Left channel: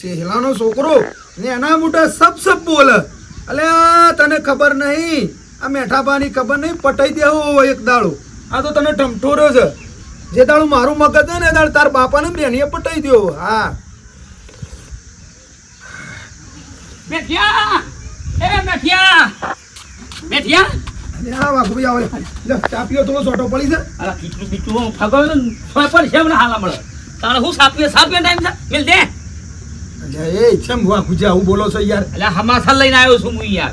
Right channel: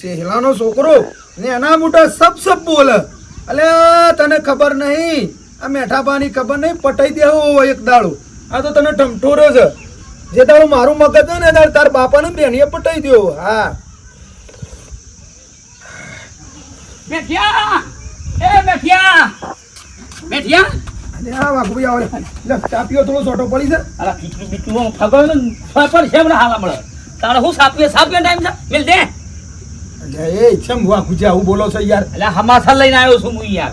ચેહલાનો છોકરો ને એના મોટા સબ બોલે. અલે તને ખબર નહીં, આ મેઠાબાની ખબર નહીં, પટાઈ દેવો એક દાડો. આ તો તને ઠમઠોરો છે. જે દાડો મારું મગજ છે ને એ દાડો તાર બાપાને બેનીએ પટાઈ દેવો. હા મેઠિયા, એ મેઠિયા, મેઠિયા. અને આ વાઘુભાઈ આવે લે, ચા પીઓ, થોડો સોટો પડી છે. અરે ખીચડું બીચડું ફગો ને સોય પર છે મને હાલ મળે. તારે હું સાપીએ ટાઈમ છે મિલ દે. એ કેમ વાઘુજી આવું બોલો છો યાર? એટલે હમાસા લઈને આવ્યો છું હું યાર.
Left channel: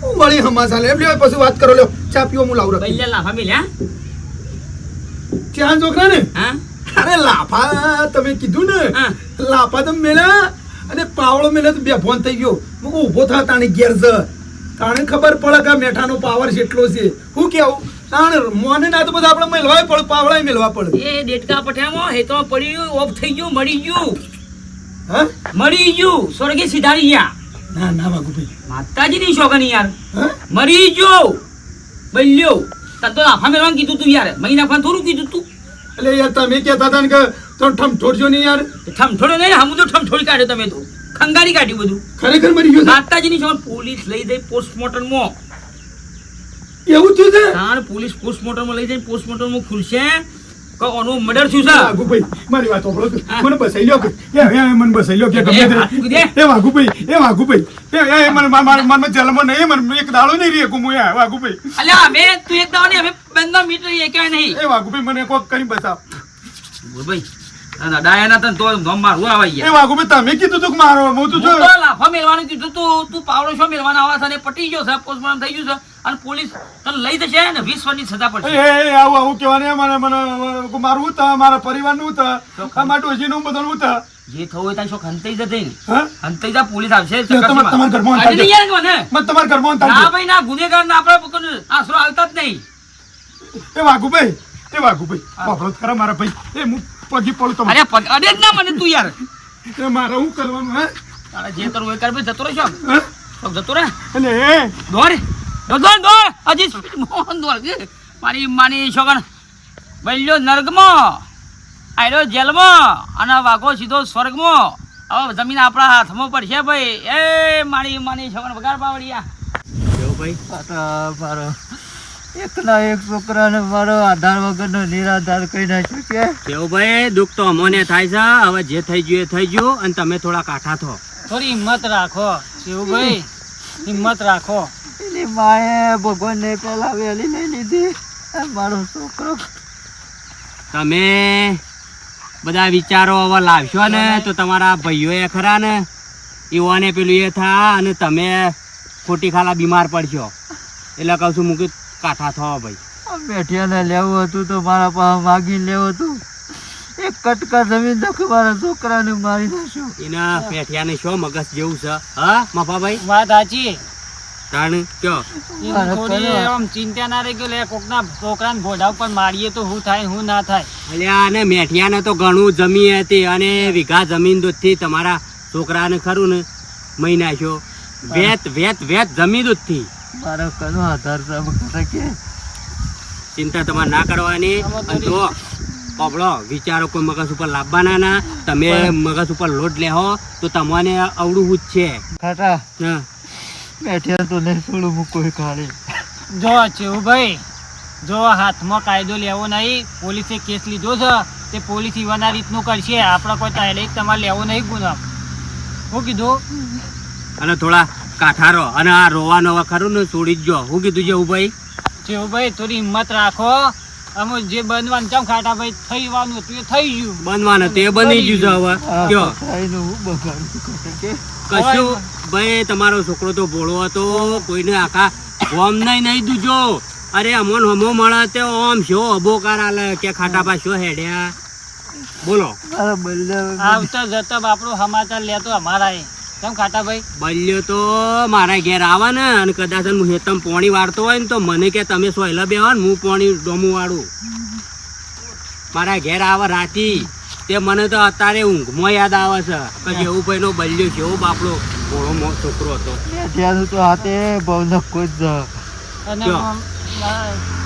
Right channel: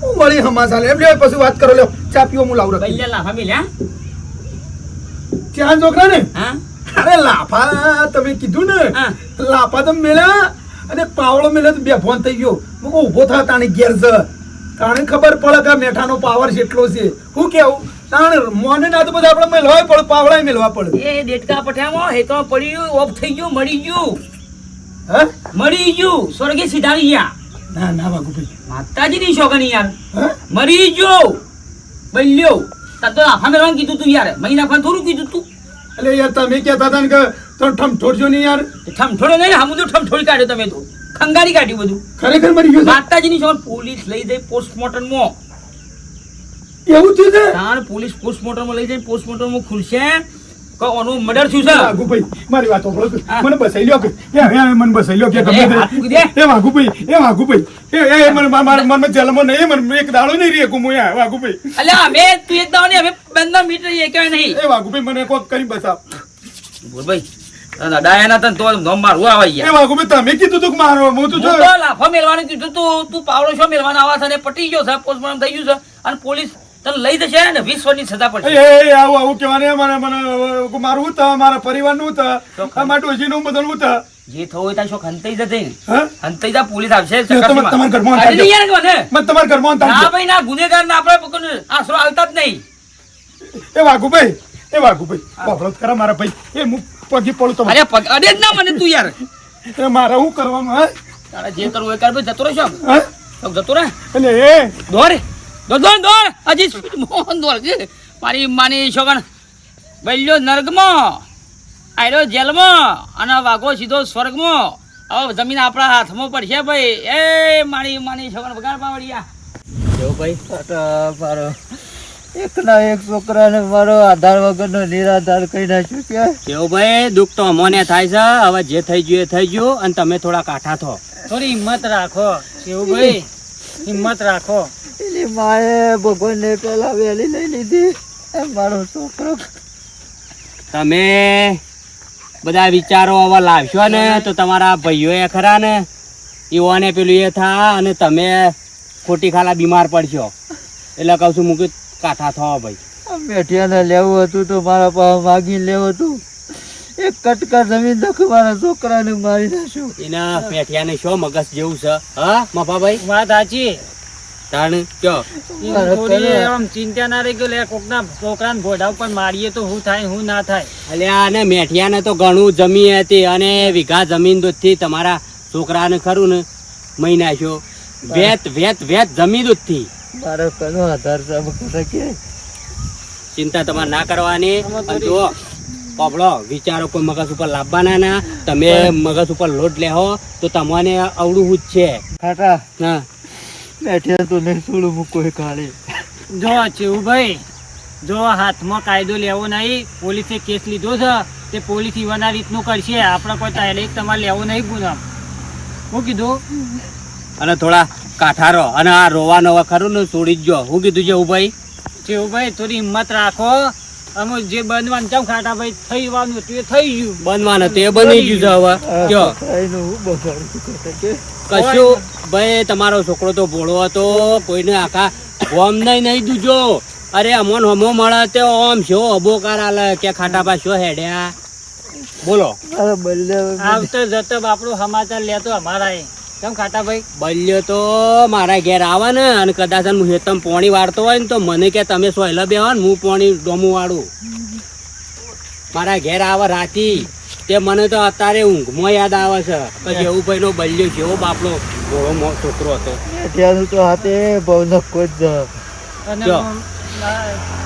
હું મળી હમાસા લે, લે પછી વાત કરો. લ્યો ચા પીઓ, હું લાવું. બૈલે લાફા મિલ હા ચા છોકરા ને. હા અરે લાફા તમે કીધું ને, હા. લાફા તમે મેલ્યા અને પાવડો મેલ્યો તો બે ફોન થઈ ગયો. હું ઉભો થા તાણી ઘેર છે. તાણે ખબર પડે કે મેઠાનો પાવર કેટલો છે. હું કેવું તાણે મોને ના તો બધા આપણે મેલવાય પડે, પાવડા મેલવા પડે. એ ડેટકા પઠામાં હેતો પડ્યું, ઓફ થઈ ગયું, મળી ગયું. હા મરી ગયું, સ્વર્ગે સીધારી ગયા. ના ના વાઘુભાઈ. માતાજીની શોગન યાર. હા મરી ગયો બલ્યો. તને તો લાફા મેળવાનું કીધું તું યાર, મહી નાખવાનું થોડું કીધું તું. એટલે યાર તમે કહેતા હતા ને કે તો ઠમઠોડજો નહીં યાર. ઠમઠોડો નહીં, હમું તો ઠમઠોડી કાઢ્યો તમે તો. ખંગારી કાઢ્યું બધું. ખરેખર મરી ગયો છે? માતાજીની શોગન પોલીસ લઈ જઈ પોસ્ટમોર્ટમમાં. એવું થયું છે? તાણ પોલીસ પોસ્ટમોર્ટમમાં લઈ જઈને પોસ્ટમોર્ટમમાં ખુલશે કે ઓનું મર્ડર થયું છે. વાઘુભાઈ મારી વાત સાંભળો. હા. મને બસાઈ લ્યો કે મને બસાઈ લ્યો કે ગમે તે. હાથ મૂકી દે. એ વાઘુભાઈ એ મને મારા મનમાં જલમાં નહીં, મને એક દાડો નહીં રહે કું યાર વાઘુભાઈ. અલ્યા અમે તું એક દાવાની અમે 15 મીટર એ કહેવાય નહીં. એ વાઘુભાઈ મને કોક કરી બતાવ. બોલ ભાઈ ડાયાના તને તો ગમ મારવું આવે એ યાર. વાઘુભાઈ તમે કીધું તું કે મારો હું હું તો તો લાફા મેલવાનું કીધું તું પાવડો શો મેલવાનો આવા છે ને પટી ગયો છે, પોસ્ટમોર્ટમ થઈ ગયું છે અને પોલીસ તને લઈ જશે ને 20 વર્ષની સજા પડશે. એ આવું કહેવાને મને મારું હું મારા પરિવારનું મારા ડોશીનું બધું હું જે થવું હોય ત્યાં શોખ હંતાઈ જશે ને. હા હંતાઈ જા પોલીસ આવશે. તમારા ઘરમાં આજે નહીં યાર કે મને. મત તમારા ઘરમાં ના ભાઈ ના, ગુનેગાર ના આપણે પકડને આશરો હાલતા જ નહીં. એ વાઘુભાઈ બાપડો જ ખરા મારા ભાઈ. એ હું પગી પડું તમારે. અરે જ ના મને તું યાર. એ મારે શું કરવાનું? હા તારે જે કરવું હોય કર ભાઈ, જતો રહે શોખ. હા શોખ જતો રહે. એટલે દોડ હજી મોહન દોડ છે મારી માની છોકન. બલ્યો નર્ગમાં, આયરો જેલમાં અને વાઘો સીધો સ્વર્ગમાં. હવે જમીન આપણા હાથમાં પડશે ભાઈ. એ મારી માની છોકન વગાડ પાવડિયા. જો ભાઈ મારો એકના એક છોકરાને મારો આધાર વગરનો નિરાધાર કરી નાખ્યું કે કેવું ભાઈ, દુઃખ તો અમોને થાય છે. હવે જે થઈ ગયું એ થઈ ગયું અને તમે થોડા કાઠા થો. થોડી હિંમત રાખો કેવું ભાઈ, હિંમત રાખો. એની માએ ભગવાનને પેલા વહેલી લઈ લીધી. મારો છોકરો તમે બધા વિચારો હવે લાવશો ને તો તમારા ભાઈઓ એ ખરા ને એવાને પેલું એ થા અને તમે ખોટી ખાલા બીમાર પડશો. એટલે કહું છું મૂકી કાઠા થવા ભાઈ. મેઠિયાને લેવું હતું તો મારા પાસે માગીને લેવું હતું. એક કટકા જમીન તો મારા છોકરાને મારી નાખ્યો. એના પેઠિયાને શું મગજ જેવું છે હા મફાભાઈ? વાત સાચી. તાણ કયો ચિંતા ના રહી ગયો. કોકના છોકરાને ભોડા ઉપર મારીએ તો શું થાય શું ના થાય. અલ્યા અને મેઠિયાને તો ઘણું જમીન હતી અને વીઘા જમીન દૂધથી તમારા છોકરાને ખરું ને મહી નાખ્યો. વેત જમીન દૂધથી. મારો કનો આધાર છે કે ચિંતા તમારે ના કરવાની. અને જો પબડો વિચારો કોઈ મગજ ઉપર લાવવાના ના. તમે મગજ ઉપર લોટ લેહો તો તમને અવળું જ છે. ખાટા હા મેઠિયા તો નહીં છોડું મૂકો કાઢે. જો ચેવુભાઈ, જો હાથમાં કાયદો લેવો નહીં. પોલીસે કેસ લીધો છે તે પોલીસ ઈવાના રીતનું કરશે. આપણે કોઈ તાલે તમારે લેવો નહીં ગુનો. શું કીધું? અને થોડા કાઠારો અને આ રોવાનો ખરું ને છોડી જ જો. શું કીધું ચેવુભાઈ? ચેવુભાઈ થોડી હિંમત રાખો. અમે જે બનવાનું છે ખાટા ભાઈ થઈવાનું હતું એ થઈ ગયું. બનવાનું હતું એ બની ગયું છે. હવે કયો કશું ભાઈ, તમારો છોકરો તો ભોળો હતો. કોઈને આખા ગોમ નહીં દૂજો. અરે અમોન હમો મળે તે ઓમ શો અબોકાર આલે કે ખાટા પા શો હેડ્યા. બોલો આવતો જતો આપણો સમાચાર લેતો અમારા કેમ ખાટા ભાઈ? બલ્યો તો મારા ઘેર આવે ને અને કદાચ હું હેતમ પોણી વાળતો હોય ને તો મને કે તમે સોયલા બેહો ને હું પોણી ડોમું વાળું. મારા ઘેર આવે રાતી તે મને તો અત્યારે ઊંઘમાં યાદ આવે છે કે જેવું ભાઈ નો બલ્યો જેવો બાપડો ભોળો છોકરો હતો. મેઠિયાનું તો હાથે બહુ નખો જ.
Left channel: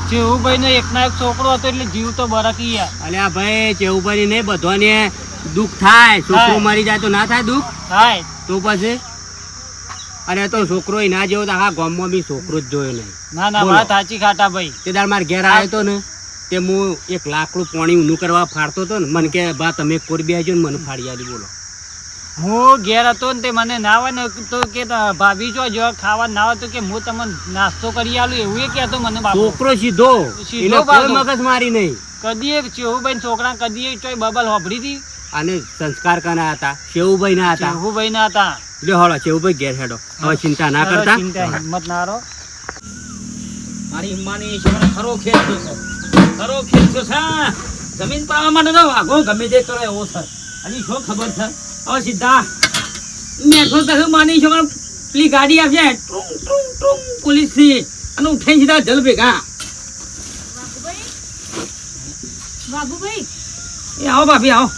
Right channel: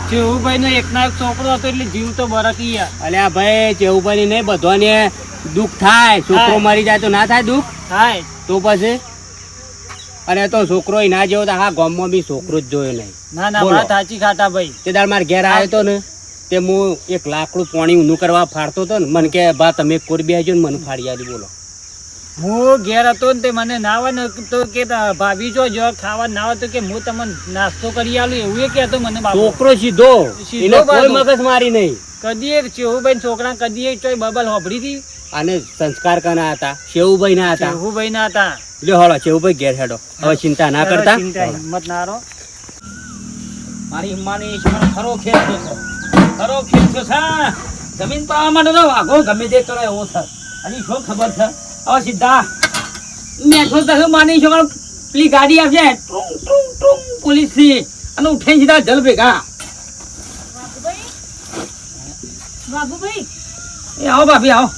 ચેવુભાઈ નો એક ના એક છોકરો હતો એટલે જીવ તો બરકી. અલ્યા ભાઈ ચેવુભાઈ નહીં બધાને દુઃખ થાય છોકરો થાય. મરી જાય તો ના થાય દુઃખ થાય તો પછી અને તો છોકરો ય ના જેવો તો આખા ગામમાં બી છોકરો જ જોયો નહીં ના ના બોલો. વાત સાચી ખાટા ભાઈ. તે દાડ મારા ઘેર આવ્યો તો ને તે હું એક લાકડું પાણી ઊનું કરવા ફાડતો હતો ને મને કે બા તમે કોરબી આવજો ને મને ફાડી આલી બોલો હું ઘેર હતો ને તે મને ના આવે ને તો કે ભાભી જો જો ખાવા ના આવે તો કે હું તમને નાસ્તો કરી આલું એવું એ કહેતો મને બાપુ. છોકરો સીધો સીધો એને કોઈ બાપુ. મગજ મારી નહીં કદી એક ચેહુભાઈ છોકરા કદી એક ચોય બબલ હોભળી હતી. અને સંસ્કાર કના હતા શેવુભાઈ ના હતા ચેહુભાઈ ના હતા. લ્યો હળો શેવુભાઈ ઘેર હેડો હવે ચિંતા ના કરતા ચિંતા હિંમત ના રહો. મારી હિમ્માની ઈશ્વર ખરો ખેલ છે ખરો ખેલ છે. જમીન પાવા માટે તો વાઘો ગમે તે કરે એવો છે. હજી શું ખબર છે હવે સીધા મેઠો તો માની છોકરો પેલી ગાડી આવશે ટ્રુંગ ટ્રુંગ ટ્રુંગ પોલીસ થી અને ઉઠાઈ સીધા જલ ભેગા. વાઘુભાઈ એ આવો ભાભી આવો.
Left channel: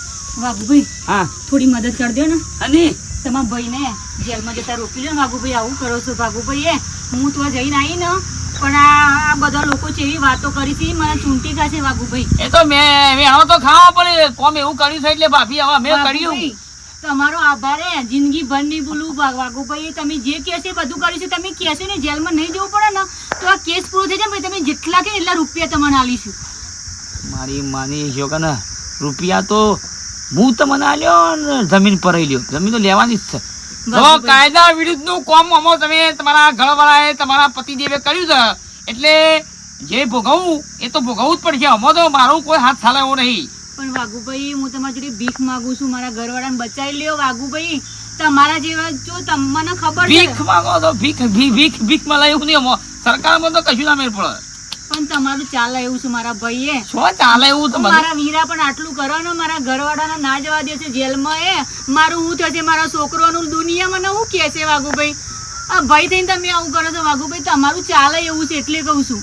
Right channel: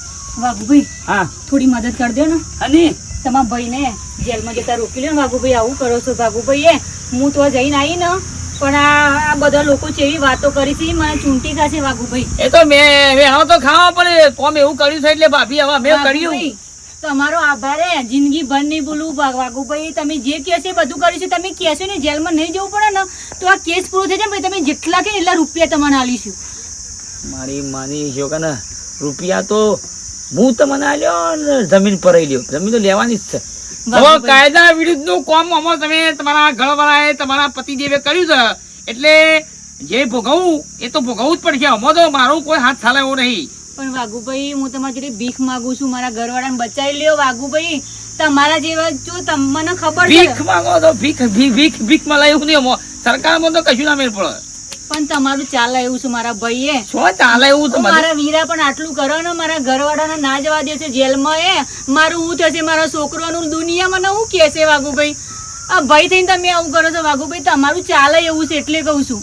વાઘુભાઈ હા થોડી મદદ કરી દો ને અને તમારા ભાઈને જેલમાં જતા રોકી લો ને વાઘુભાઈ આવું કરો છો વાઘુભાઈ હું તો જઈને આવી ને પણ આ બધા લોકો છે એવી વાતો કરી છે મને ચૂંટી ખાશે વાઘુભાઈ એ તો મેં આવો તો ખાવા પડે કોમ એવું કર્યું છે એટલે ભાભી હવે મેં કર્યું. વાઘુભાઈ, તમારો આભાર હે જિંદગી ભર નહીં ભૂલું વાઘુભાઈ તમે જે કહેશે એ બધું કર્યું છે તમે કહેશો ને જેલમાં નહીં જવું પડે ને તો આ કેસ પૂરો થઈ જાય ભાઈ તમે જેટલા કે એટલા રૂપિયા તમને આલીશું મારી માની જો કે ને રૂપિયા તો હું તમને આલ્યો ને જમીન પર લ્યો જમીન તો લેવાની જ છે. હવે વાઘુભાઈ, કાયદા વિરુદ્ધનું કામ આમાં તમે તમારા ઘરવાળાએ તમારા પતિદેવે કર્યું છે એટલે જે ભોગવવું એ તો ભોગવવું જ પડશે. આમાં તો મારો કોઈ હાથ ચાલે એવો નહીં. પણ વાઘુભાઈ હું તમારી જોડે ભીખ માંગુ છું મારા ઘરવાળાને બચાવી લ્યો વાઘુભાઈ તમારા જેવા જો તમને ખબર છે ભીખ માંગો તો ભીખ માં લાવ્યું નહીં આમાં. સરકારમાં તો કશું ના મેળ પડે. પણ તમારું ચાલે એવું છે મારા ભાઈએ શું ચાલે એવું તો મારા વીરા પણ આટલું કરો ને મારા ઘરવાળાને ના જવા દેશે જેલમાં મારું હું થશે મારા છોકરોનું દુનિયામાં ને હું કહેશે વાઘુભાઈ આ ભાઈ થઈને તમે આવું કરો છો વાઘુભાઈ તમારું ચાલે એવું છે એટલે કહું છું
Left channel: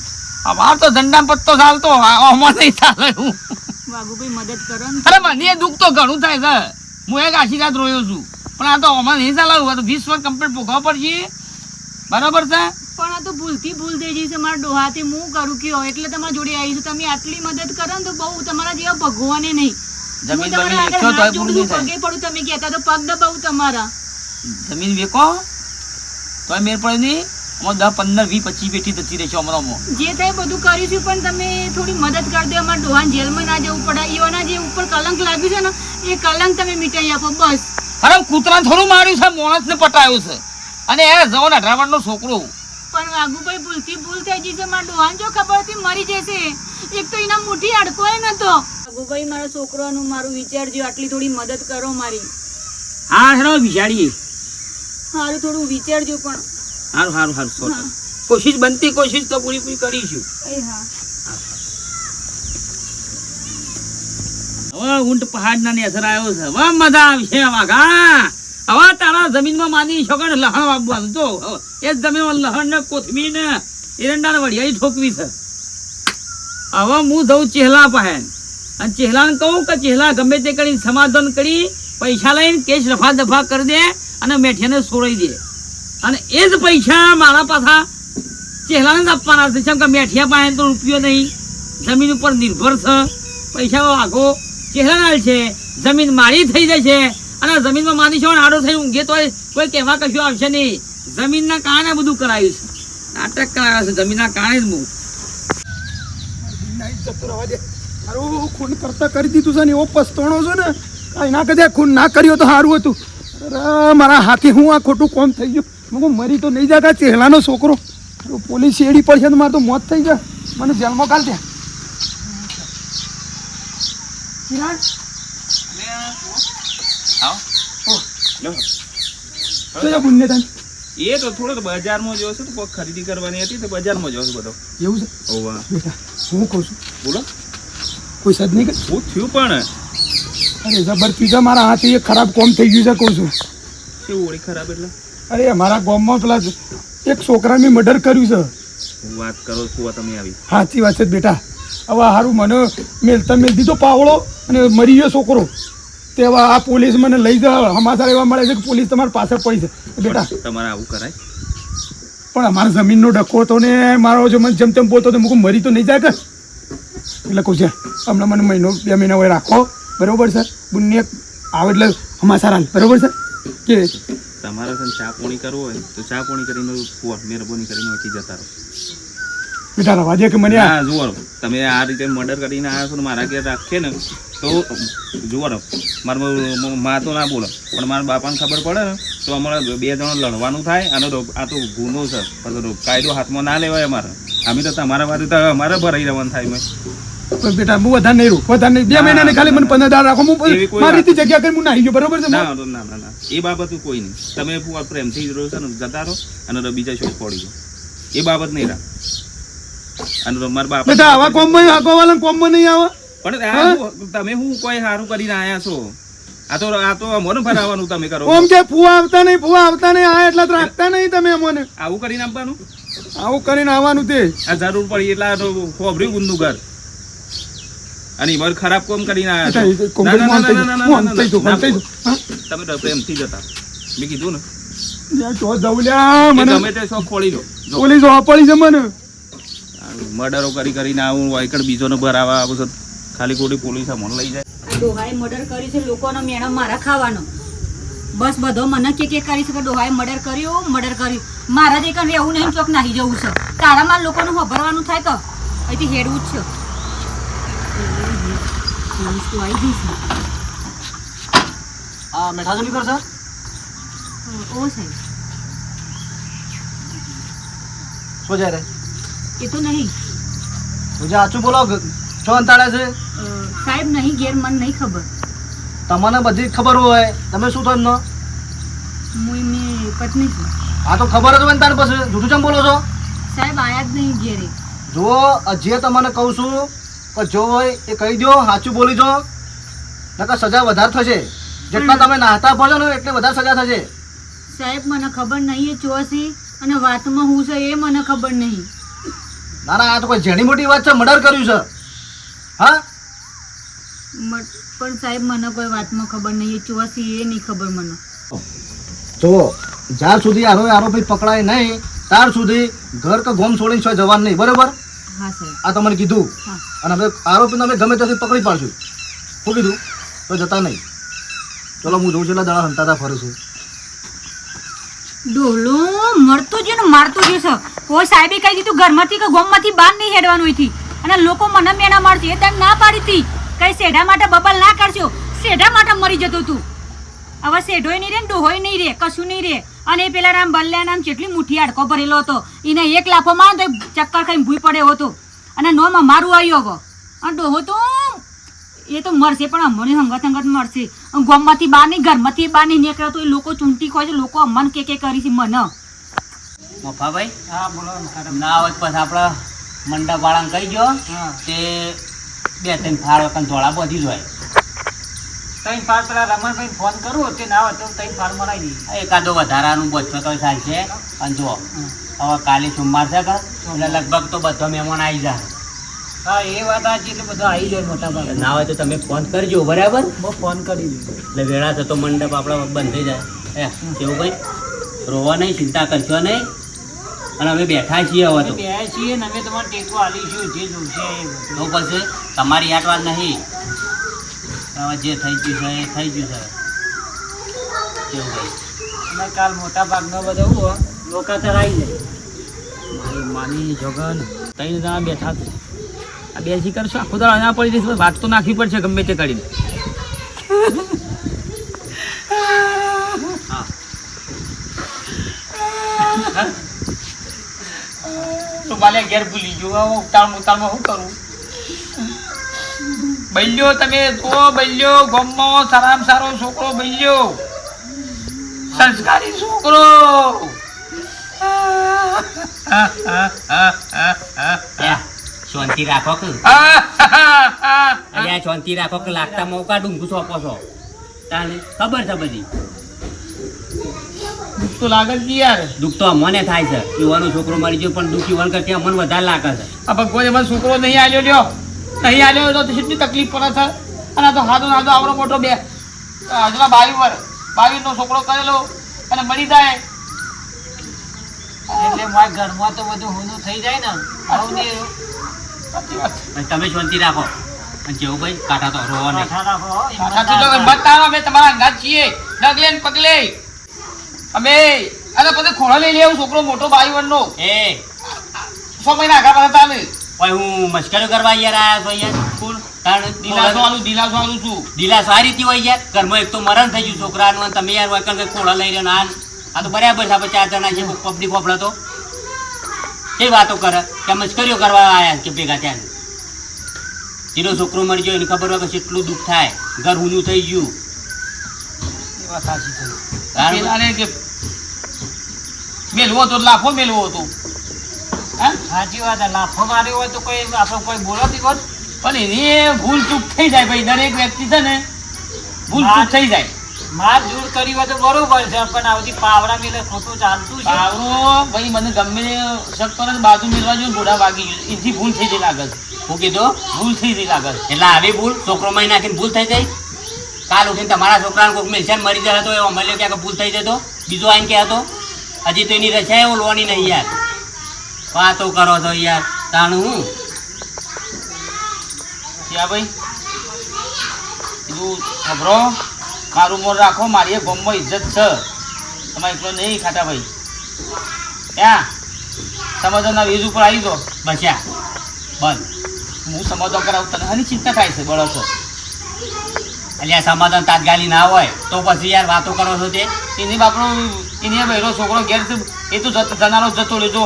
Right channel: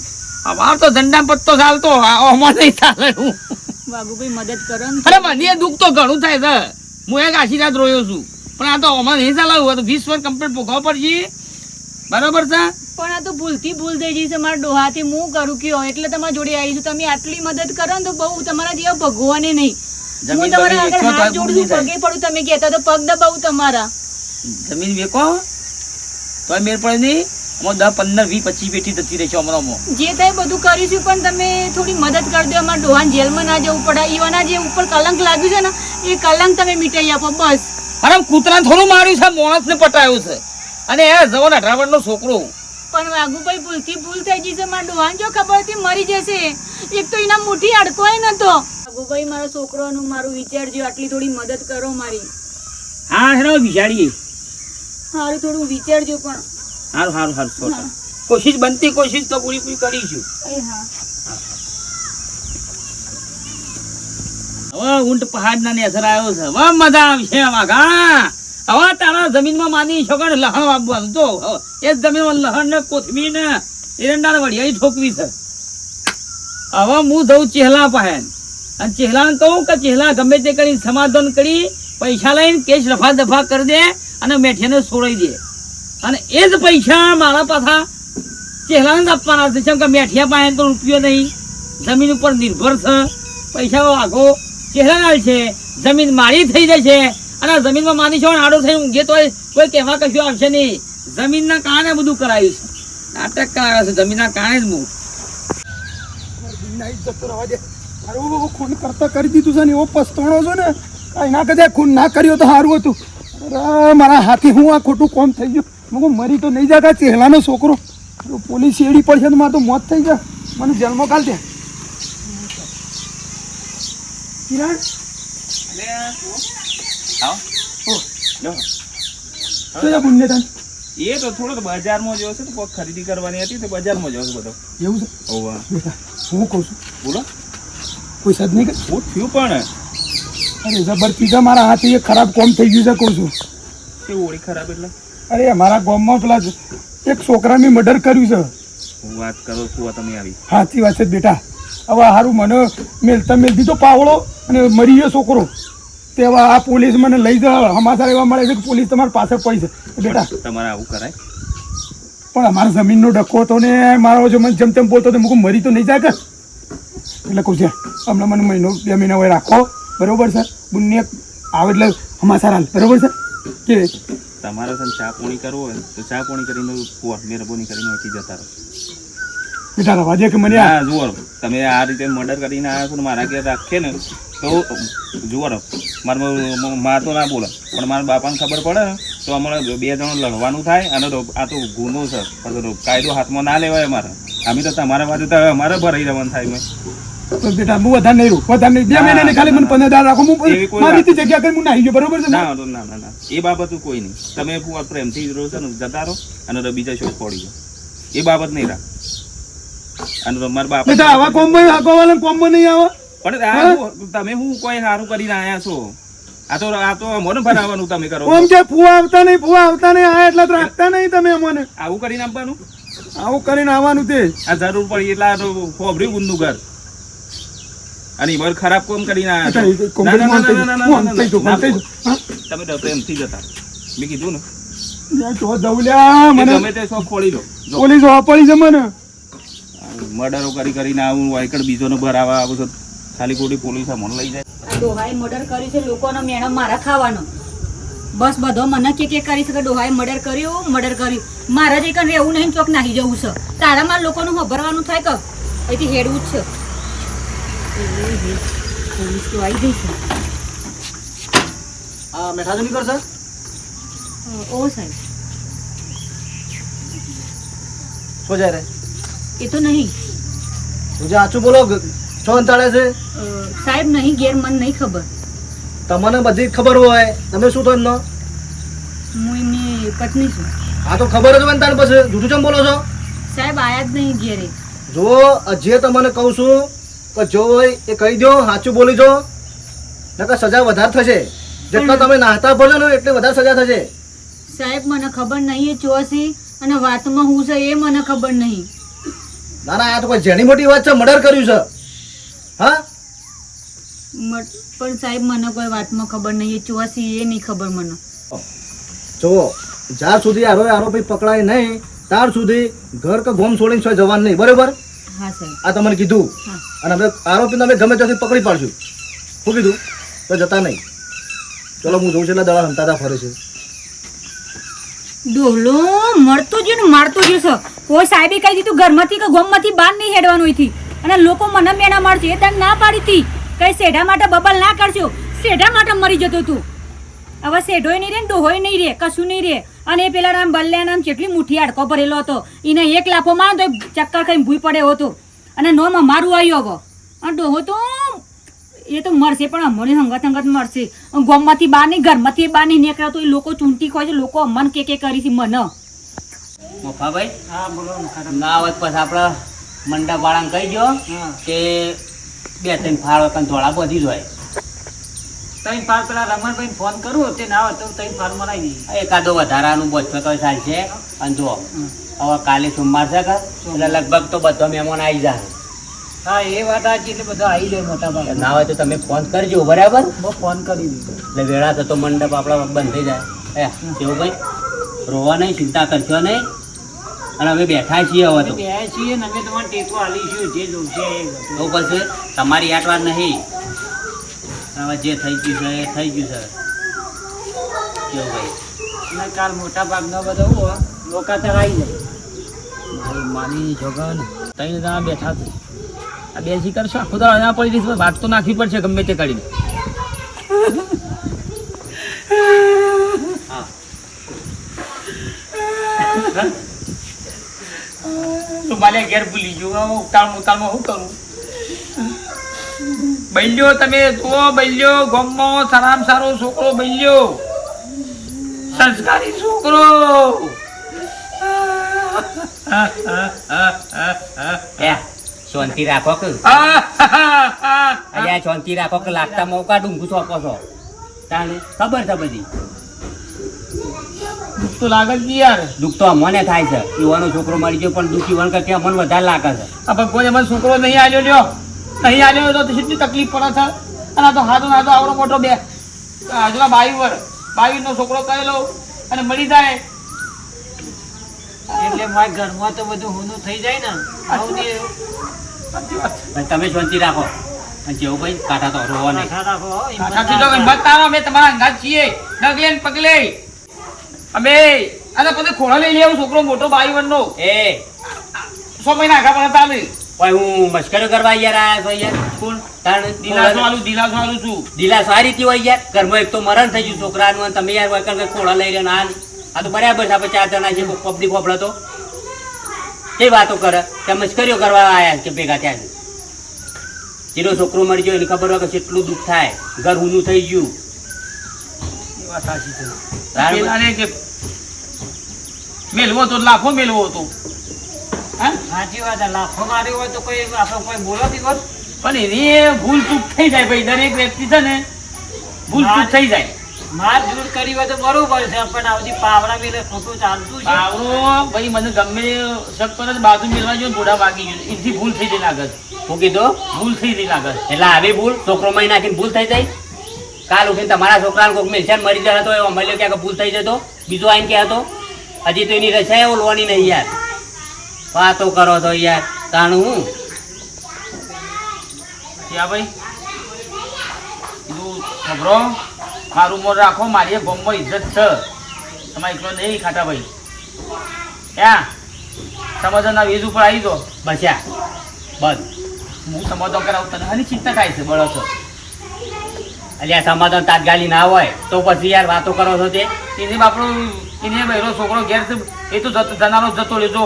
અમાર તો ધંધા પત્તો ચાલતો આમાં નહીં ચાલે એવું. વાઘુભાઈ મદદ કરો ને અરે મને દુઃખ તો ઘણું થાય છે. હું એક આશીર્વાદ રોયો છું પણ આ તો આમાં નહીં ચાલે. 20 વર્ષ કમ્પ્લીટ ભોગવવા પડશે બરાબર છે. પણ આ તો ભૂલથી ભૂલ થઈ ગઈ છે મારા ડોહાથી હું કરું કયો એટલે તમારા જોડે આવી છું તમે આટલી મદદ કરો ને તો બહુ તમારા જેવા ભગવાને નહીં હું તમારા આગળ હાથ જોડું છું પગે પડું તમે કહેતા તો પગ દબાવું તમારા જમીન વેકો તો મેર પડે નહીં. આમાં 10 15 20 25 પેટી જતી રહેશે અમારામાં. જે થાય બધું કરીશું પણ તમે થોડી મદદ કરી દો અમારા ડોહાને જેલમાં ના જવું પડે ઈઓના જે ઉપર કલંક લાગ્યું છે ને એ કલંક તમે મીટાઈ આપો બસ અરે કૂતરાને થોડું માર્યું છે માણસને પટાયું છે અને એ જવો ને 18 વર્ષનો છોકરો. પણ વાઘુભાઈ ભૂલથી ભૂલ થઈ ગઈ છે મારા ડોહાને જો ખબર હતી મરી જશે એક તો એના મુઠ્ઠી અડકોય નતો વાઘુભાઈ મારા છોકરાનું મારું વિચારજો આટલી થોડી મદદ કરો મારી હા હેરો બિચારી સારું થોડું વિચારજો પણ હારું હારું હારું હા. કોશિશ બનતી કોશિશ તો પૂરી કરીશું. એ હા હવે ઊંટ પહાડના ને અસર આવ્યો છે. હવે મજા આવશે વાઘા. હવે તારા જમીનમાં માની શકો ને લહણ વાવવાનું તો એ જ જમીનમાં લહણ ને કોથમીર ને એરંડા ને વડિયાળી ઠોકવી છે. હવે હું જઉં ચેહલા પાસે અને ચેહલાને કહું કે ચેહલા ગમે તે કરી સમાધાન કરી પૈસા લઈને કેસ રફા દફા કરી દે અને મેઠિયાને છોડાઈ દે અને એ જ પૈસા મારા પાછા ચેહલાને જ આપવાના છે. કેમ કે મેઠિયા પાસે તો રૂપિયો નહીં જમીન ઉપર નિર્ભર છે. પૈસા વાઘો ચહેરા છે જમીન મારી થઈ જશે અને જમીનમાં માની છો આડો થઈને ઊંઘે તો કોઈ કહેવા કશું આવશે નહીં. જમીનના કારણે બધું કરાયું છે. નાટક કરાવ્યા છે જમીનના કારણે જ હું. જતો રહેવા દે. મારું ખૂન કરતા કરી દીધું છે ને એવો પસ્તાણો છે ને કાંઈ ના કદાચ ખૂન ના કર્યો તો સારું હતું. અરે મારા હાથે હું આ ખોટું કોમ થઈ ગયું. હું મરી તો નહીં જતા ચહેલાનો છોકરો પોલીસ શેડી પડશે તો મારે તો મોત થઈ જાય. મને જેલમાં કાઢ દે. કિરણ શું છે પુણ્ય તને? એ તો થોડો બજારમાં જોયો છે તો કોઈક ખરીદી કરવાની હતી તો બજારમાં જોયો છે બધો. એવું છે ઓવા બેટા હું કહું છું બોલો કોઈ સદ નહીં કર. હું થયું પણ અરે જબર પીઝા મારા હાથે એક ખરાબ કોમ થઈ ગયું છે કહું છું. કેવું ઓળી ખરાબ એટલે અરે મારા ગામમાં પેલા એક છોકરા મેં મર્ડર કર્યું છે. હું વાત કરો છું તમે આવી સાચી વાત છે બેટા. હવે સારું મને મેલતા મેલ દીધો પાવડો અને મરી ગયો છોકરો તે હવે આ પોલીસ મને લઈ જાય સમાચાર એવા મળે છે કે પોલીસ તમારી પાછળ પડી છે બેટા. તમારે આવું કરાય પણ અમારા જમીનનો ડકો હતો ને મારો જો મને જેમ તેમ બોલતો તો મૂકું મરી તો નહીં જાય કે એટલે કહું છે હમણાં મને મહિનો 2 મહિના હોય રાખો બરોબર છે. બંને આવે એટલે અમાસા હાલ બરોબર છે કે તમારે છે ને ચા પોણી કરવું હોય તો ચા પોણી કરીને ફોન મહેરબાની કરીને અહીંથી જતા રહો. બેટા રવા દે કે મને હા જુઓ તમે આ રીતે મર્ડર કરીને આવ્યા છો ને મારા ઘેર રાખીએ ને તો જુઓ મારા મા તો ના બોલે પણ મારા બાપાને ખબર પડે ને તો અમારે 2 જણો લડવાનું થાય અને આ તો ગુનો છે પછી કાયદો હાથમાં ના લેવાય અમારે. અમે તો તમારા બાજુ તો અમારે ભરાઈ રહેવાનું થાય મેં. બેટા હું વધારે નહીં રહું, વધારે નહીં. 2 મહિના ખાલી મને 15 દાડા રાખો, એવી હું કોઈ મારી રીતે જગ્યા કરી હું નાહી ગયો બરોબર છે. ના ના ના ના એ બાબત કોઈ નહીં. તમે પ્રેમથી રહો છો ને જતા રહો અને બીજા શોધ પડી ગયો એ બાબત નહીં રાખ. અને મારા બાપા બેટા આવા કોમમાં આગોવાળા કોમમાં નહીં આવે. પણ તમે શું કોઈ સારું કરીને આયા છો? આ તો અમને ભરાવાનું તમે કરો ઓમ કે ફુવા આવતા નહીં આ એટલા તો રાખતા નહીં તમે અમને. આવું કરીને આપવાનું. આવું કરીને આવવાનું તે આ જરૂર પડી એટલે આ તો ખોબર્યું ગુંદનું ઘર અને એમાં ખરાબ કોમ કરીને આયા છો. ના, ના, ના, ના, ના, ના, ના, ના, ના. તમે તો પ્રેમથી જતા મેં કીધું ને તો જવું લ્યા કે મને ગમે તે શોખ ખોલી લો. જો પોલીસ પડી છે મને. મર્ડરો કરીને આવું વાયકડ બીજોને ભરાવા આવું છે. ખાલી ખોટી પોલીસ મને લઈ જાય. આ ડોહાએ મર્ડર કર્યું છે, લોકોનો મેણો મારા ખાવાનો. બસ બધો મને કે કરી છે કે ડોહાએ મર્ડર કર્યું. મારે જ એકન રહેવું નહીં, ચોક નાહી જવું છે. તારામાં લોકોનું ખબરવાનું થાય કે અહીંથી હેડવું જ છે. પોલીસ તો આવી ગઈ છે. મેઠા નહીં કરશે ઓ સાહેબ શું જાય રે એ તો નહીં. તું જે સાચું બોલો છો અંતાડે છે. સાહેબ નહીં, ઘેર મને નહીં ખબર. તમને બધી ખબર હોય તમે શું થયો એમનો? હું એમની પત્ની છું. આ તો ખબર જ હોય ને તારે પછી જૂઠું ચમ બોલો છો? સાહેબ આયા જ નહીં ઘેરે. જો જે તમને કહું છું કે જો હોય એ કહી દો, સાચું બોલી જો, નકર સજા વધારે થશે. જેટલા તમે નાહતા પડશો ને એટલે વધારે સજા થશે. સાહેબ મને ખબર નહીં એ ચોસી અને વાતમાં હું છે એ મને ખબર નહીં. ના ના આ તો કોઈ જેની મોટી વાત છે, મર્ડર કર્યું છે. હા પણ સાહેબ મને કોઈ વાતમાં ખબર નહીં, એ ચોસી એ નહીં ખબર મને. જો જ્યાર સુધી આરોપી પકડાય નહીં ત્યાર સુધી ઘર કે ગોમ છોડીને છો જવાનું નહીં, બરોબર? હા સાહેબ. આ તમને કીધું. હા. અને હવે આરોપીને અમે ગમે ત્યાંથી પકડી પાડશું. શું કીધું? તો જતા નહીં. ચલો હું જોઉં છું એટલે દડા હંતાતા ફરે છે. ડોલો મળતો જ ને મારતો જ છે. કોઈ સાહેબે કહી દીધું ઘરમાંથી કે ગોમમાંથી બહાર નહીં હેડવાનું અહીંથી. અને લોકો મને મેણા મારશે એ તને ના પાડી હતી. કઈ શેઢા માટે બબલ ના કરશો, શેઢા માટે મરી જતો તું. હવે શેઢોય નહીં રે ને ડોહોય નહીં રે, કશું નહીં રે. અને એ પેલા રામ બલ્યા નામ જેટલી મુઠ્ઠી હાડકો ભરેલો હતો, એને એક લાફો માર તો ચક્કર ખાઈને ભૂઈ પડ્યો હતો. અને નોમ મારું આવ્યો હવે. અને ડોહો તો એ તો મરશે પણ અમારી હંગત મરશે. ગોમમાંથી બહાર નહીં, ઘરમાંથી બહાર નહીં નીકળ્યા તો એ લોકો ચૂંટી ખોય છે. લોકો અમન કે કરી છે મને. મફાભાઈ હા બોલો ના હોય પછી આપણે મંડપ વાળાને કહી દો તે 2-3 ફાળ ધોળા બધી જ હોય. 3 ફાળ પેલા રમણભાઈ ફોન કરું તે ના હોય તો 3 ફાળ મરાઈ દઈએ. એકાદો વધારાનું બચો તો ચાલશે. અને જો હવે કાલે સોમવાર છે કે એટલે લગભગ તો બધો મહેમાન આવી જાય. હા એ વાત સાચી, એટલે બધો આવી જાય મોટા ભાગે. ના હોય તો તમે ફોન કરજો બરાબર. હું ફોન કરી દઈશ. એટલે વેળા થતો મંડપ આપણા બંધ થઈ જાય. કેવું ભાઈ રોવા નહીં, ચિંતા કરશો નહીં. અને અમે બેઠા છીએ હવે તો. બે છીએ ને અમે તમારે ટેકો આલીશું જે જોશે એ બધું. તો પછી તમારી યાદ વાત નહીં. હવે જે થઈ ગયું છે એ થઈ ગયું છે. કેવું ભાઈ અને કાલ મોટા ભાગનો બધો હું લોકો તો આવી જાય. મારી માની જોગન 3 જણા બેઠા છે. આ બે જી કરશો આખું તો ના પડી જઈશ. વાત તો નાખવી પડશે ગમે તે કરીને. તો માલે ઘેર ભૂલી ગયો. હું ઉતાળમાં શું કરું? બૈલ્યો તમે જુઓ, બૈલ્યો ગામમાં સારામાં સારો છોકરો, બૈલ્યો સંસ્કારી છોકરો. શાંતિ રાખો કે અલ્યા શાંતિ રાખો કે લાગતા મોકા ડુંગું સોંપો છો. તાને ખબર છે બધી. દુઃખ તો લાગે છે યાર. દુઃખ તો અમને થાય છે. યુવાનો છોકરો મરી ગયો પણ દુઃખ યુવાન કરતી અમને વધારે લાગે છે. આ ભગવાન એમાં છોકરો નહીં આલ્યો લ્યો, નહીં આલ્યો તો કેટલી તકલીફ પડે છે. અને આ તો હાથો નાતો આવડો મોટો બે હજુના 22 નો છોકરો કરેલો અને મરી જાય એટલે મારા ઘરમાં તો બધું હોનું થઈ જાય ને. તમે શાંતિ રાખો. અને જેવું ભાઈ કાંઠા તો રોવા નહીં. કાકાજી તો ગંભત આવો, અમે તમારા અંગાત છીએ ડગલે ને પગલે. અમે અને પછી ખોળા લઈ લેવું છોકરો મોટો બાઈવનનો એ 6 મહિના આગા પણ ચાલે. ભાઈ હું મશ્કરી કરવા યાર આયા છો યાર. કોણ? તાણ દિલાસો આલું છું. દિલાસ આ રીતે હોય યાર. ઘરમાં એક તો મરણ થઈ ગયું છોકરાનું અને તમે યાર વૈકલ કે ખોળા લઈ રહ્યો ને આ તો બરાબર છે. આપણે 4 જણા છે પબ્લિક વાપરા તો કઈ વાતો કરે કે મશ્કરીઓ કરવા આયા કે ભેગા થયા છે. જેનો છોકરો મરી ગયો એની ખબર હોય કે કેટલું દુઃખ થાય, ઘર ઊનું થઈ ગયું. એ વાત સાચી છે. તાણ પેલાને જે મેલવો હતો લાખો મેલવો હતો. હા? સાચી વાત છે. લાફો માર્યો હોય તો કોઈ આપણે કોઈ બોલાતી હોત. પણ એની ભૂલ ચૂક થઈ જાય ભાઈ. દરેક વ્યક્તિ છે ને ભૂલ ચૂક થઈ જાય. માર જૂર કરી હોય તો બરોબર છે, પણ આવતી પાવડા મિલે ખોટું ચાલતું છે. આવડો ભાઈ મને ગમે શક કરે તો બાજુ મેળવા જોઈએ, ઘોડા વાગી ગયો એથી ભૂલ થઈ જાય આગળ. હું કીધું ભૂલ થઈ જાય આગળ. એટલે આવી ભૂલ છોકરો માં નાખીને ભૂલ થઈ જાય. કાલ ઉઠીને તમારા છોકરાને કોઈક મિલશે મરી જાય તો એવો મળ્યો ક્યાંક ભૂલ થઈ જતો, બીજો આઈને કહેતો હજી તો એની રચા એવો લોવાની નહીં યાર. વાતો કરો છો યાર. તાણ હું ક્યાં ભાઈ કીધું ખબરો મારું મોર રાખો, મારી ગોમમાં ઇજ્જત છે. તમારે એટલો નહીં ખાટા ભાઈ. ત્યાં સમાધાનના વેજ ઉપર આવી દો. બસ્યા બસ. હું સમાધાન કરાવું તને હની ચિંતા થાય છે બળો છો. અલ્યા સમાધાન તાત્કાલિક ના હોય તો પછી યાર વાતો કરો છો તે. એની બાપડો એને બહેરો છોકરો ઘેર છે એ તો જનારો જતો લીધો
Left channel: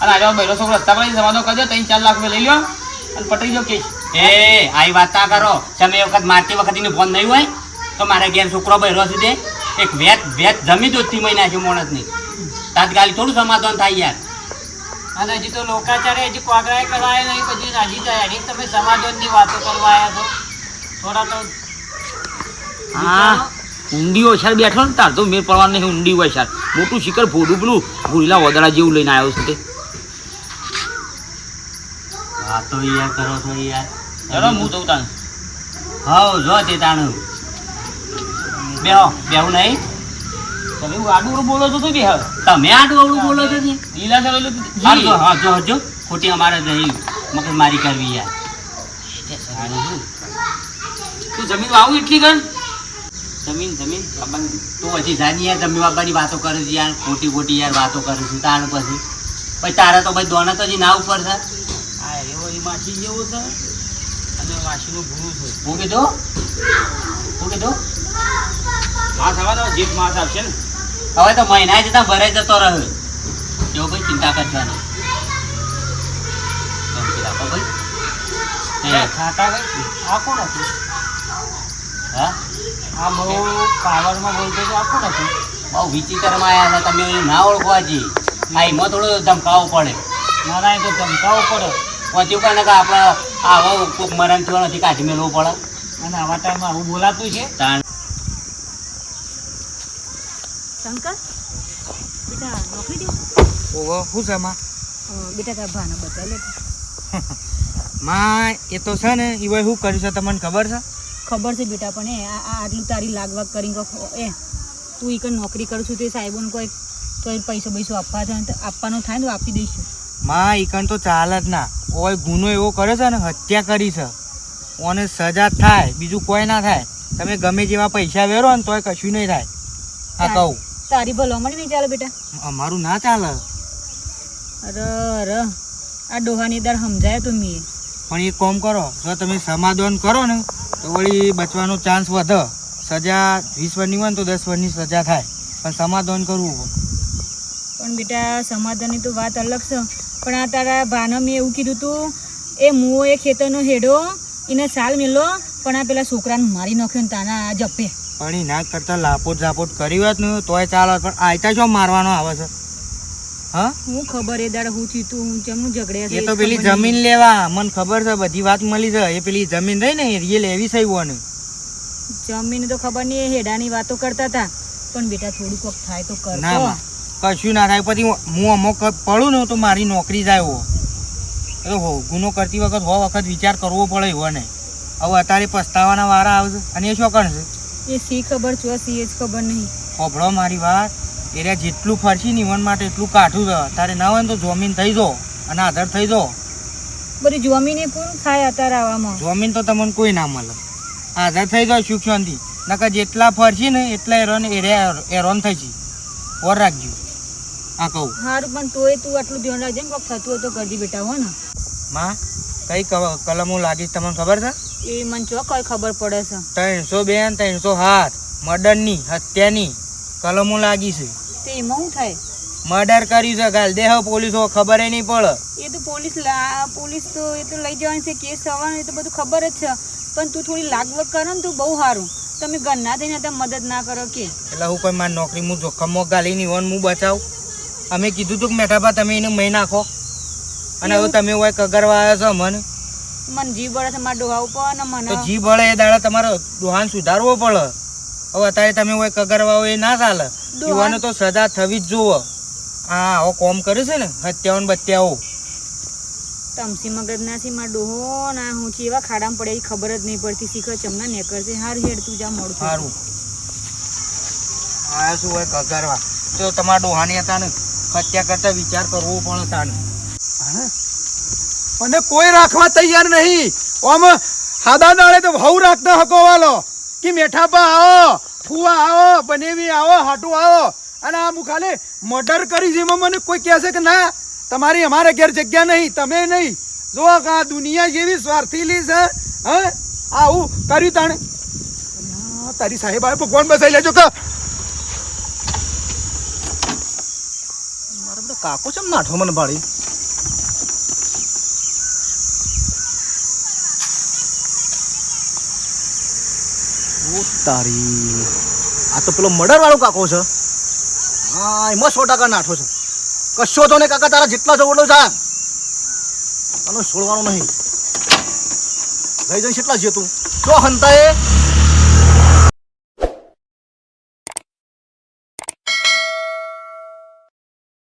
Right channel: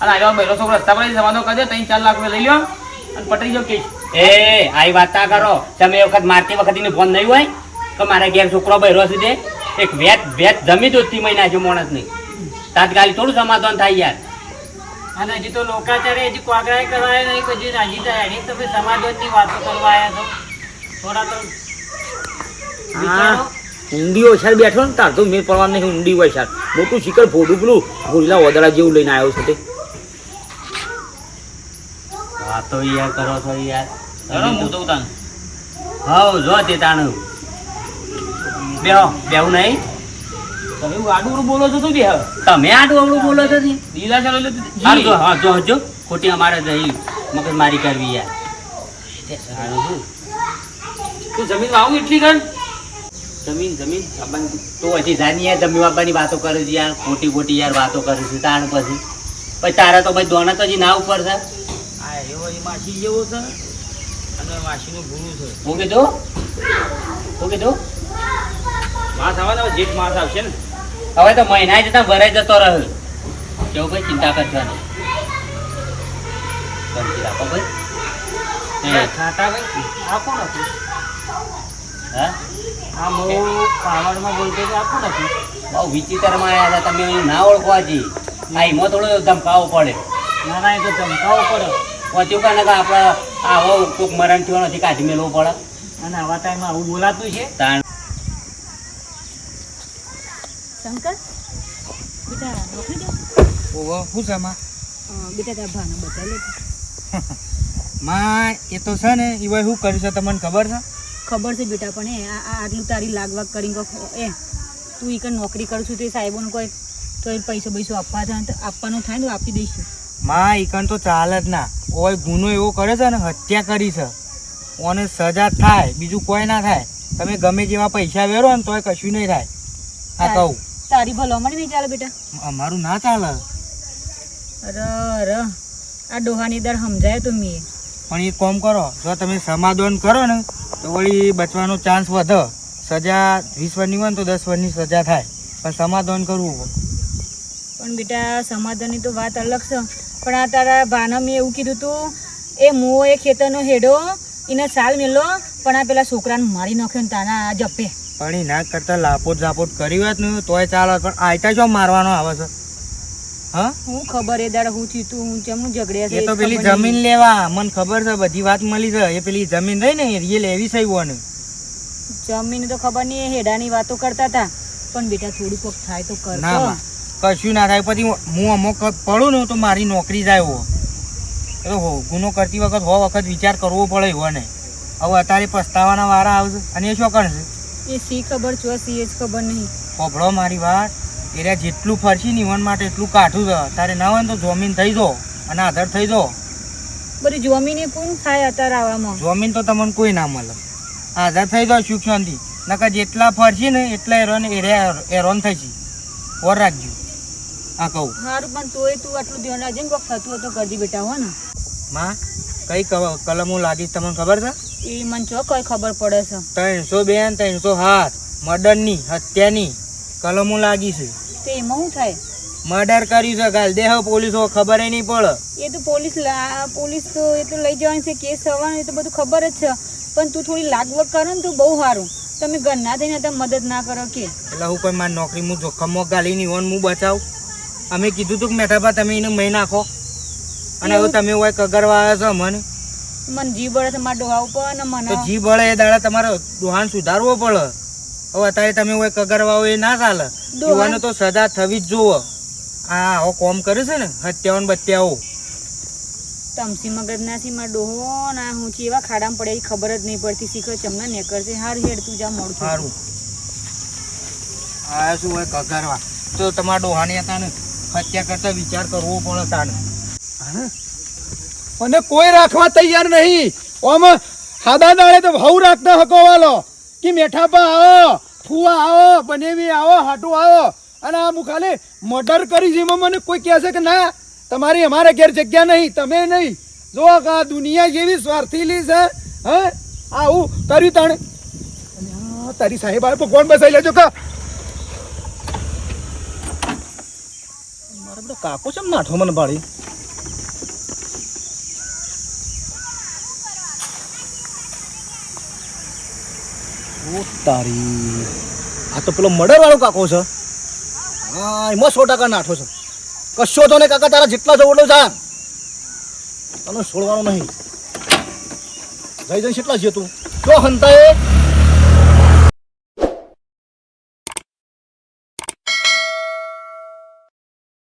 અને આગળ બહેરો છોકરો રસ્તા પર સમાધાન કરી દે 3-4 લાખ રૂપિયા લઈ લ્યો અને પટાઈ જાવ કેસ. એ આવી વાત ના કરો. તમે એ વખત મારતી વખત એને ફોન નહીં હોય કે મારા ઘેર છોકરો બહેરો છે તે એક વેત જમી દો 3 મહિના છે માણસ નહીં. તાત્કાલિક થોડું સમાધાન થાય યાર. અને હજી તો લોકાચારે હજી કોગરાય કરાય નહીં, પછી હજી તો એની તમે સમાધાનની વાતો કરવા આવ્યા છો. થોડા તો હા ઊંડી હોય સાહેબ બેઠો ને તાર તો મેર પડવા નહીં. ઊંડી હોય સાહેબ મોટું શિખર ફોડું પેલું ગોરીલા વદળા જેવું લઈને આવ્યો છે તે. વાતો યાર કરો છો યાર. હું તો તાન હવ જો તે તાણ બેહો બેહું નહીં. તમે એવું આડું બોલો છો તું બે હવે તમે આટલું અવળું બોલો છો ને. લીલા ચાલો હારું જો હા જો જો ખોટી અમારે જઈ મગજ મારી કરવી યાર. સારું શું તું જમીન વાવું એટલી કર. જમીન આપણને તો હજી જાની યાર જમીન બાપાની વાતો કરે છે યાર. ખોટી યાર વાતો કરે છે તાણ પછી તારા તો ભાઈ દોના તો હજી ના ઉપર છે. હા એવો એ માસી જેવો છે અને માસીનું ગુરુ છે. હું કીધું માસ આવવાના જીત માસ આવશે ને. હવે તો મહિના જતા ભરાઈ જતો રહ્યો. કેવું ભાઈ ચિંતા કરશો નહીં. શાંતિ રાખો ભાઈ. ખાટા ભાઈ આ કોણ હતું? હા આ બહુ પાવરમાં બોલતો તો આ કોણ હતું? બહુ વિચિત્રમાં આવ્યા હતા તમે એને ના ઓળખો હજી. આ એમાં થોડો ધમકાવો પડે. મારા અહીં તો ધમકાવો પડે પહોંચ્યું પણ ને કે આપણે આવો કોઈક મરણ થયો નથી કાઢી મેળવો પડે. અને આવા ટાઈમમાં આવું બોલાતું છે. તાણ શંકર બેટા નોકરી દે. ઓહો શું છે માં? બેટા તારા ભાને બતાવી લે. માં એ તો છે ને એ ભાઈ શું કર્યું છે તમને ખબર છે? ખબર છે બેટા, પણ આટલું તારી લાગવાગ કરીને તું એક નોકરી કરું છું તે સાહેબોને કોઈ તો પૈસો આપવા થાય તો આપવાનું થાય ને તો આપી દઈશું. માં ઈકન તો ચાલે જ ના. ઓય ગુનો એવો કરે છે ને, હત્યા કરી છે, ઓને સજા થાય, બીજું કોઈ ના થાય. તમે ગમે જેવા પૈસા વેરો ને તોય કશું નહીં થાય. હા કહું તારી ભલામણ નહીં ચાલે બેટા. અમારું ના ચાલે. અરે આ ડોહાની દર સમજાય તો મેં. પણ એક કામ કરો, જો તમે સમાધાન કરો ને તો વળી બચવાનો ચાન્સ વધે. સજા 20 વર્ષની હોય ને તો 10 વર્ષની સજા થાય, પણ સમાધાન કરવું. પણ બેટા સમાધાનની તો વાત અલગ છે. પણ આ તારા ભાને મેં એવું કીધું તું એ મુઓ એ ખેતરનો હેડો એને સાલ મેલો, પણ આ પેલા છોકરાને મારી નાખ્યો ને તાના આ જપે. પણ એના કરતાં લાપોટ ઝાપોટ કરી હોત ને તોય ચાલે, પણ આયતા જો મારવાનો આવે છે. હા હું ખબર એ દાડા હું થયું તું હું ચમનું ઝઘડ્યા છે એ તો પેલી જમીન લેવા મને ખબર છે, બધી વાત મળી છે. એ પેલી જમીન રહી ને એ લેવી છે. ને જમીન તો ખબર નહીં, હેડાની વાતો કરતા હતા. પણ બેટા થોડું કોક થાય તો કર. ના માં, કશું ના થાય. પછી હું અમુક પડું ને તો મારી નોકરી જાય. હો એ તો ગુનો કરતી વખત વખત વિચાર કરવો પડે. એવો ને હવે અત્યારે પસ્તાવાના વારા આવશે. અને એ શું કરશે એ સી ખબર છો સી એ જ ખબર નહીં. પોપડો મારી વાત, એરિયા જેટલું ફરશી ને ઈવન માટે એટલું કાઠું છે. તારે ના હોય ને તો જમીન થઈ જો અને આધાર થઈ જો. બધી જમીને કોણ થાય અત્યારે આવામાં? જમીન તો તમને કોઈ ના મળે. આઝાદ થઈ જાઓ સુખ શાંતિ. નકર જેટલા ફરશે ને એટલા હેરાન થઈ છે. ઓર રાખજો આ કહું. સારું પણ તોય તું આટલું ધ્યાન રાખજે ને કોક થતું હોય તો કરજી બેટા હો ને. માં કઈ કલમો લાગી તમને ખબર છે? એ મને ચો કઈ ખબર પડે છે. 302 307 મર્ડરની હત્યાની કલમો લાગી છે. તે એમાં શું થાય? મર્ડર કર્યું છે ગાલ દેહ પોલીસો ખબર નહીં પડે. એ તો પોલીસ તો એ તો લઈ જવાની છે, કેસ થવાનો એ તો બધું ખબર જ છે. પણ તું થોડી લાગવગ કરો ને તો બહુ સારું. તમે ઘરના થઈને તમે મદદ ના કરો કે એટલે હું કોઈ મારી નોકરી હું જોખમમાં ગાલી નહીં હોન હું બચાવ. અમે કીધું તું કે મેઠાબા તમે એને મહી નાખો અને હવે તમે હોય કગરવા આવ્યા છો મને જીવ બળે છે મારા ડોહા ઉપર ને તો મને જી બળે એ દાડા તમારો દોહાન સુધારવો પડે. હવે અત્યારે તમે હોય કગરવા હોય એ ના ચાલે. યુવાનો તો સદા થવી જ જોવો. હા હવે કોમ કરે છે ને હત્યાઓ ને બત્યાઓ. તમસી મગજ ના સી મારા ડોહો ના હું ચેવા ખાડામાં પડે એ ખબર જ નહીં પડતી. શીખર ચમના નેકર છે. હાર હેડ તું જા મોડું થયું. સારું આ શું હોય કગરવા તો તમારા ડોહાની હતા ને હત્યા કરતા વિચાર કરવો પડે તાને. અને કોઈ રાખવા તૈયાર નહીં. ઓમ હાદા દાડે તો ભાવ રાખતા હકો વાલો કે મેઠાપા આવો, ફુવા આવો, બનેવી આવો, હાટુ આવો. અને આ હું ખાલી મર્ડર કરી છે એમાં મને કોઈ કહે છે કે ના તમારી અમારા ઘેર જગ્યા નહીં, તમે નહીં. જો આ દુનિયા જેવી સ્વાર્થીલી છે. હા આવું કર્યું તાણે. તારી સાહેબ આવે ભગવાન બસાઈ લેજો કે મારા બધો કાકો છે નાઠો મને ભાડી. ઓ તારી આ તો પેલો મર્ડર વાળો કાકો છે. હા એમાં 100% નાઠો છે. કશો તો ને કાકા તારા જેટલા જવો એટલો જા. તને છોડવાનો નહીં. જઈ જઈ કેટલા છે તું જો હંતા એ